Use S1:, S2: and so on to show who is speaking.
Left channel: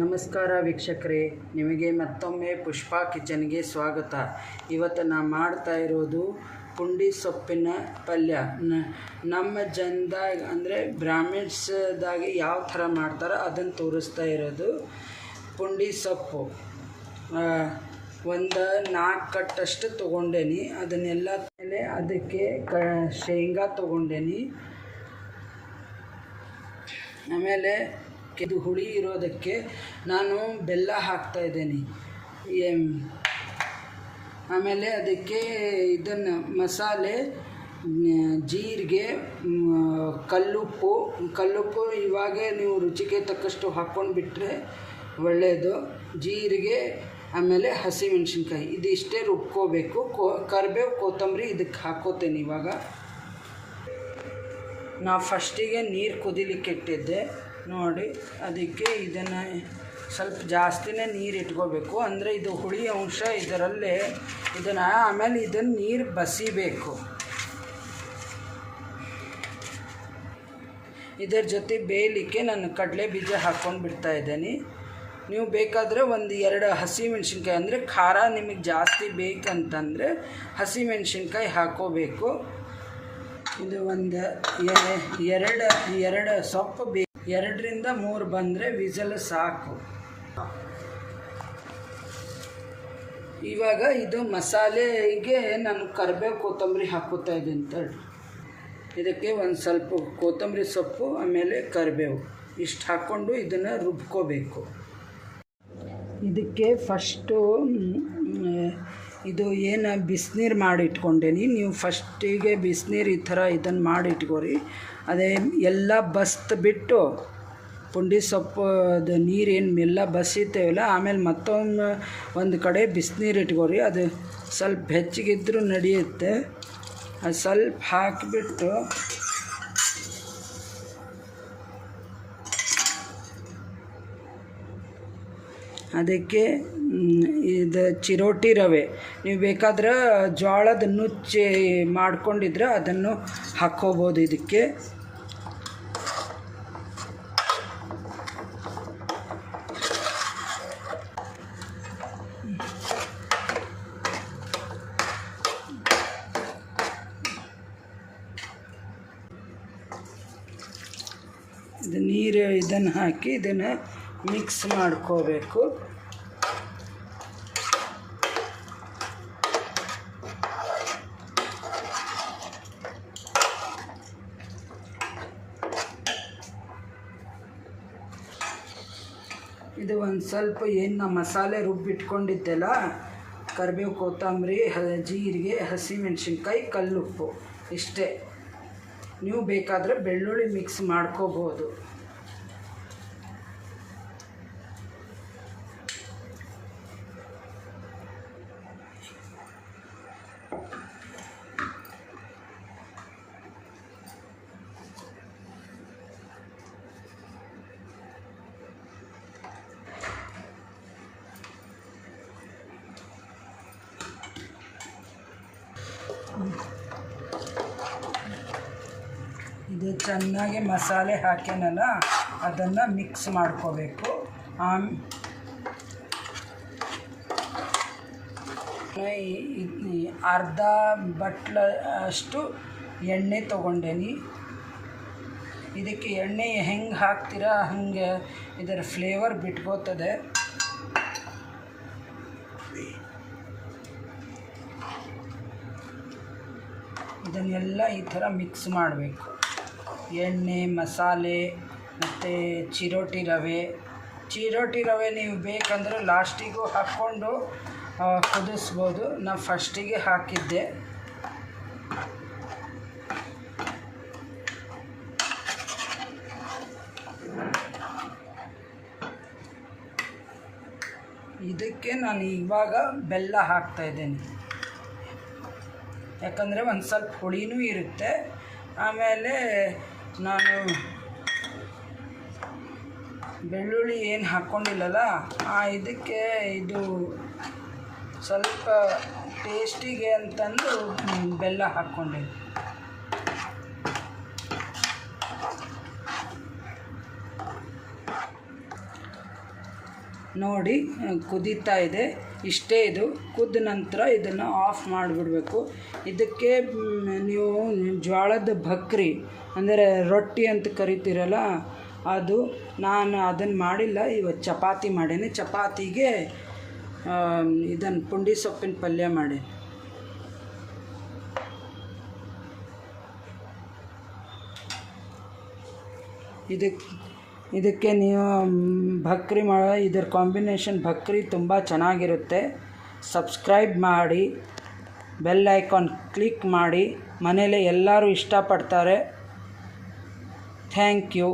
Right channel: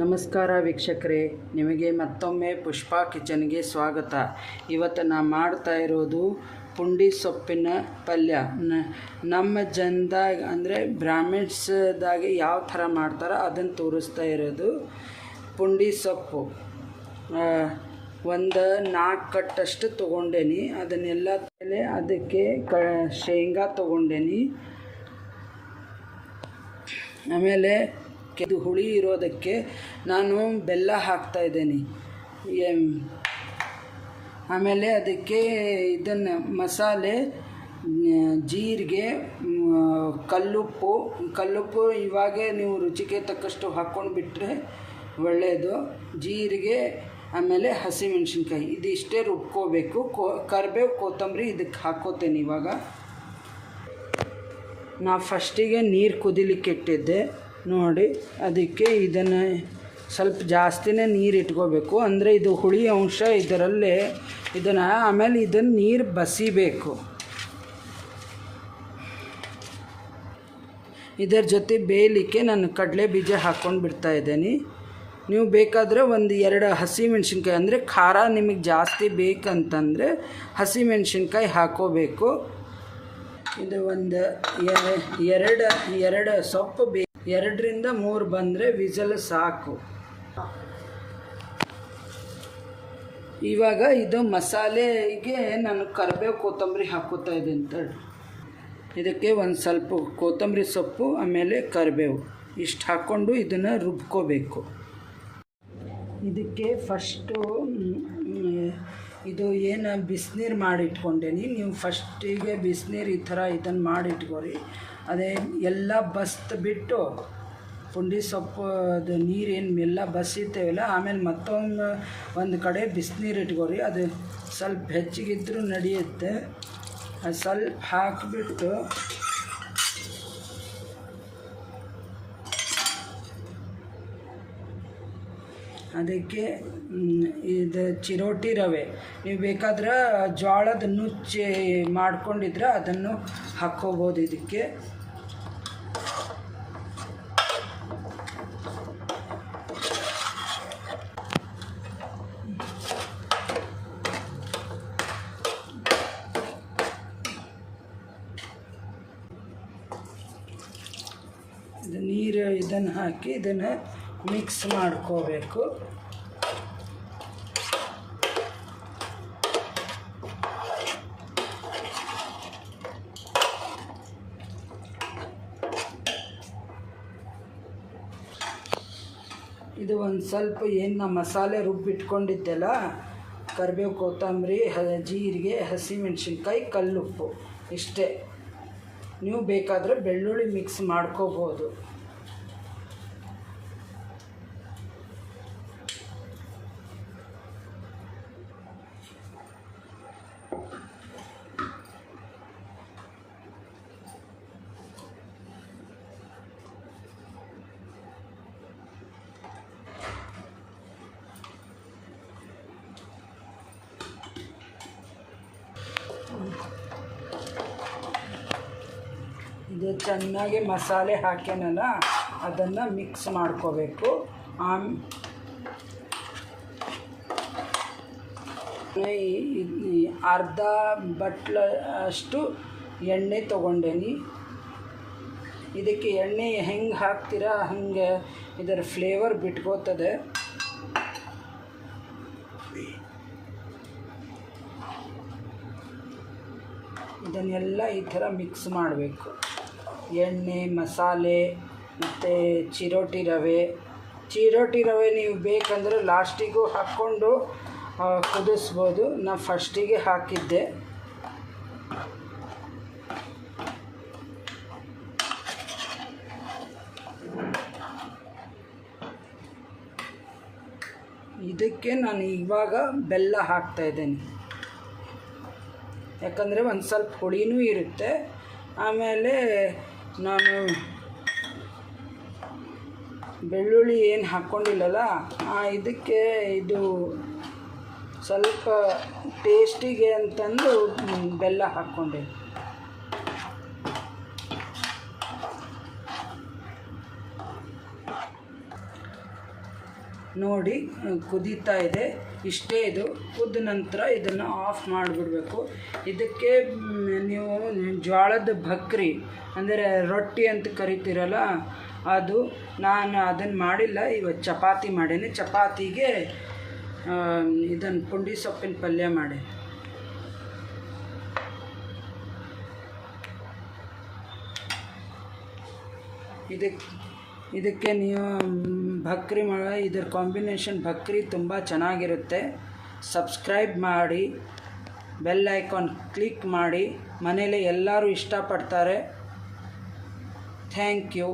S1: ನಮಸ್ಕಾರ ವೀಕ್ಷಕರೇ, ನಿಮಗೆ ಮತ್ತೊಮ್ಮೆ ಪುಷ್ಪಾ ಕಿಚನ್ಗೆ ಸ್ವಾಗತ. ಇವತ್ತು ನಾನು ಮಾಡ್ತಾ ಇರೋದು ಪುಂಡಿ ಸೊಪ್ಪಿನ ಪಲ್ಯ. ನಮ್ಮ ಜನದಾಗ ಅಂದರೆ ಬ್ರಾಹ್ಮಿಣ್ಸ್ದಾಗ ಯಾವ ಥರ ಮಾಡ್ತಾರೋ ಅದನ್ನು ತೋರಿಸ್ತಾ ಇರೋದು ಪುಂಡಿ ಸೊಪ್ಪು. ಒಂದು ನಾಲ್ಕು ಕಟ್ಟಷ್ಟು ತೊಗೊಂಡೇನಿ. ಅದನ್ನೆಲ್ಲ ಮೇಲೆ ಅದಕ್ಕೆ ಕ, ಶೇಂಗಾ ತೊಗೊಂಡೇನಿ. ಆಮೇಲೆ ಇದು ಹುಳಿ ಇರೋದಕ್ಕೆ ನಾನು ಬೆಲ್ಲ ಹಾಕ್ತಾ ಇದ್ದೀನಿ. ಆಮೇಲೆ ಅದಕ್ಕೆ ಇದನ್ನು ಮಸಾಲೆ, ಜೀರಿಗೆ ಕಲ್ಲುಪ್ಪು ಕಲ್ಲುಪ್ಪು ಇವಾಗ ನೀವು ರುಚಿಗೆ ತಕ್ಕಷ್ಟು ಹಾಕ್ಕೊಂಡು ಬಿಟ್ಟರೆ ಒಳ್ಳೆಯದು ಜೀರಿಗೆ, ಆಮೇಲೆ ಹಸಿಮೆಣ್ಸಿನ್ಕಾಯಿ. ಇದಿಷ್ಟೇ ರುಬ್ಕೋಬೇಕು. ಕೋ, ಕರಿಬೇವು ಕೊತ್ತಂಬರಿ ಇದಕ್ಕೆ ಹಾಕ್ಕೋತೇನೆ ಇವಾಗ. ನಾ ಫಸ್ಟಿಗೆ ನೀರು ಕುದಿಲಿಕ್ಕೆ ಇಟ್ಟಿದ್ದೆ. ನೋಡಿ, ಅದಕ್ಕೆ ಇದನ್ನು ಸ್ವಲ್ಪ ಜಾಸ್ತಿನೇ ನೀರು ಇಟ್ಕೋಬೇಕು. ಅಂದರೆ ಇದು ಹುಳಿ ಅಂಶ ಇದರಲ್ಲೇ ಇದನ್ನು ಆಮೇಲೆ ಇದನ್ನು ನೀರು ಬಸಿಬೇಕು. ಇದರ ಜೊತೆ ಬೇಯಲಿಕ್ಕೆ ನಾನು ಕಡಲೆ ಬೀಜ ಹಾಕ್ಕೊಂಡು ಬಿಡ್ತಾ ಇದ್ದೀನಿ. ನೀವು ಬೇಕಾದರೆ ಒಂದು ಎರಡು ಹಸಿ ಮೆಣಸಿನ್ಕಾಯಿ, ಅಂದರೆ ಖಾರ ನಿಮಗೆ ಜಾಸ್ತಿ ಬೇಕಂತಂದರೆ ಹಸಿ ಮೆಣಸಿನ್ಕಾಯಿ ಹಾಕೋಬೇಕು. ಇದು ಒಂದು ಎರಡು ಎರಡು ಸೊಪ್ಪು ಬೇ ಎರಡರಿಂದ ಮೂರು ಬಂದರೆ ವಿಸಲ್ ಸಾಕು. ಇವಾಗ ಇದು ಮಸಾಲೆಗೆ ನಾನು ಕರಿಬೇವು ಕೊತ್ತಂಬರಿ ಹಾಕೋತಾ ಇದ್ದೀನಿ ತಡ್ರಿ ಇದಕ್ಕೆ ಒಂದು ಸ್ವಲ್ಪ ಕೊತ್ತಂಬರಿ ಸೊಪ್ಪು, ಆಮೇಲೆ ಕರಿಬೇವು. ಇಷ್ಟು ಹಾಕ್ಕೊಂಡು ಇದನ್ನು ರುಬ್ಕೋಬೇಕು. ಇದಕ್ಕೆ ಫಸ್ಟು ಇದು ಏನು ಬಿಸಿನೀರು ಮಾಡಿ ಇಟ್ಕೊಂಡೇನಿ ನೀವು ಫಸ್ಟಿಗೆ ಬಿಸಿನೀರು ಈ ಥರ ಇದನ್ನು ಮಾಡಿ ಇಟ್ಕೋರಿ ಅದೇ ಎಲ್ಲ ಬಸ್ತ್ ಬಿಟ್ಟು ಪುಂಡಿ ಸೊಪ್ಪು, ಅದು ನೀರೇನು ಎಲ್ಲ ಬಸಿತೇವಲ್ಲ, ಆಮೇಲೆ ಮತ್ತೊಮ್ಮೆ ಒಂದು ಕಡೆ ಬಿಸಿನೀರು ಇಟ್ಕೋರಿ. ಅದು ಸ್ವಲ್ಪ ಹೆಚ್ಚಿಗಿದ್ರೂ ನಡೆಯುತ್ತೆ. ಅದು ಸ್ವಲ್ಪ ಹಾಕಿಬಿಟ್ಟು ಅದಕ್ಕೆ ಇದು ಚಿರೋಟಿ ರವೆ. ನೀವು ಬೇಕಾದ್ರೆ ಜೋಳದ ನುಚ್ಚಿ ಮಾಡ್ಕೊಂಡಿದ್ರೆ ಅದನ್ನು ಹಾಕ್ಕೋಬೋದು ಇದಕ್ಕೆ. ಇದು ನೀರು ಇದನ್ನು ಹಾಕಿ ಇದನ್ನು ಮಿಕ್ಸ್ ಮಾಡ್ಕೋಬೇಕು. ಇದು ಒಂದು ಸ್ವಲ್ಪ ಏನು ನಮ್ಮ ಮಸಾಲೆ ರುಬ್ಬಿಟ್ಕೊಂಡಿದ್ದೆಲ್ಲ, ಕರಿಬೇವು, ಕೊತ್ತಂಬರಿ, ಹ, ಜೀರಿಗೆ, ಹಸಿಮೆಣ್ಸಿನ್ಕಾಯಿ, ಕಲ್ಲುಪ್ಪು, ಇಷ್ಟೇ. ನೀವು ಬೇಕಾದರೆ ಬೆಳ್ಳುಳ್ಳಿ ಮಿಕ್ಸ್ ಮಾಡ್ಕೋಬೋದು. ಇದು ಚೆನ್ನಾಗಿ ಮಸಾಲೆ ಹಾಕಿನಲ್ಲ ಅದನ್ನು ಮಿಕ್ಸ್ ಮಾಡ್ಕೋಬೇಕು. ಆಮ್ ಅರ್ಧ ಬಟ್ಲ ಅಷ್ಟು ಎಣ್ಣೆ ತೊಗೊಂಡೇನಿ. ಇದಕ್ಕೆ ಎಣ್ಣೆ ಹೆಂಗೆ ಹಾಕ್ತೀರಾ, ಹಂಗೆ ಇದರ ಫ್ಲೇವರ್ ಬಿಟ್ಕೋತದೆ. ಇದನ್ನೆಲ್ಲ ಈ ಥರ ಮಿಕ್ಸ್ ಮಾಡಬೇಕು. ಎಣ್ಣೆ, ಮಸಾಲೆ ಮತ್ತು ಚಿರೋಟಿ ರವೆ. ಚಿರೋಟಿ ರವೆ ನೀವು ಬೇಕಂದರೆ ಲಾಸ್ಟಿಗೂ ಹಾಕ್ಕೊಂಡು ಕುದಿಸ್ಬೋದು. ನಾನು ಫಸ್ಟಿಗೆ ಹಾಕಿದ್ದೆ. ಇದಕ್ಕೆ ನಾನು ಇವಾಗ ಬೆಲ್ಲ ಹಾಕ್ತಾ ಇದ್ದೇನೆ. ಯಾಕಂದರೆ ಒಂದು ಸ್ವಲ್ಪ ಹುಳಿನೂ ಇರುತ್ತೆ. ಆಮೇಲೆ ನಾನು ಬೆಳ್ಳುಳ್ಳಿ ಏನು ಹಾಕ್ಕೊಂಡಿಲ್ಲಲ್ಲ ಇದಕ್ಕೆ ಇದು ಸ್ವಲ್ಪ ಟೇಸ್ಟಿಗೆ ಅಂತಂದು ಬೆಲ್ಲ ಹಾಕ್ಕೊಂಡೆ. ನೋಡಿ, ಕುದೀತಾ ಇದೆ. ಇಷ್ಟೇ ಇದು. ಕುದ್ದ ನಂತರ ಇದನ್ನು ಆಫ್ ಮಾಡಿಬಿಡ್ಬೇಕು. ಇದಕ್ಕೆ ನೀವು ಜೋಳದ ಭಕ್ರಿ ಅಂದರೆ ರೊಟ್ಟಿ ಅಂತ ಕರಿತೀರಲ್ಲ, ಅದು ನಾನು ಅದನ್ನು ಮಾಡಿಲ್ಲ. ಇವತ್ತು ಚಪಾತಿ ಮಾಡೀನಿ. ಚಪಾತಿಗೆ ಇದನ್ನು ಪುಂಡಿ ಸೊಪ್ಪಿನ ಪಲ್ಯ ಮಾಡಿ ಇದಕ್ಕೆ ಇದಕ್ಕೆ ನೀವು, ಭಕ್ರಿ ಮಾ, ಇದರ ಕಾಂಬಿನೇಷನ್ ಭಕ್ರಿ ತುಂಬ ಚೆನ್ನಾಗಿರುತ್ತೆ. ಸಬ್ಸ್ಕ್ರೈಬ್ ಮಾಡಿ, ಬೆಲ್ ಐಕಾನ್ ಕ್ಲಿಕ್ ಮಾಡಿ, ಮನೇಲೆ ಎಲ್ಲರೂ ಇಷ್ಟಪಡ್ತಾರೆ. Thank you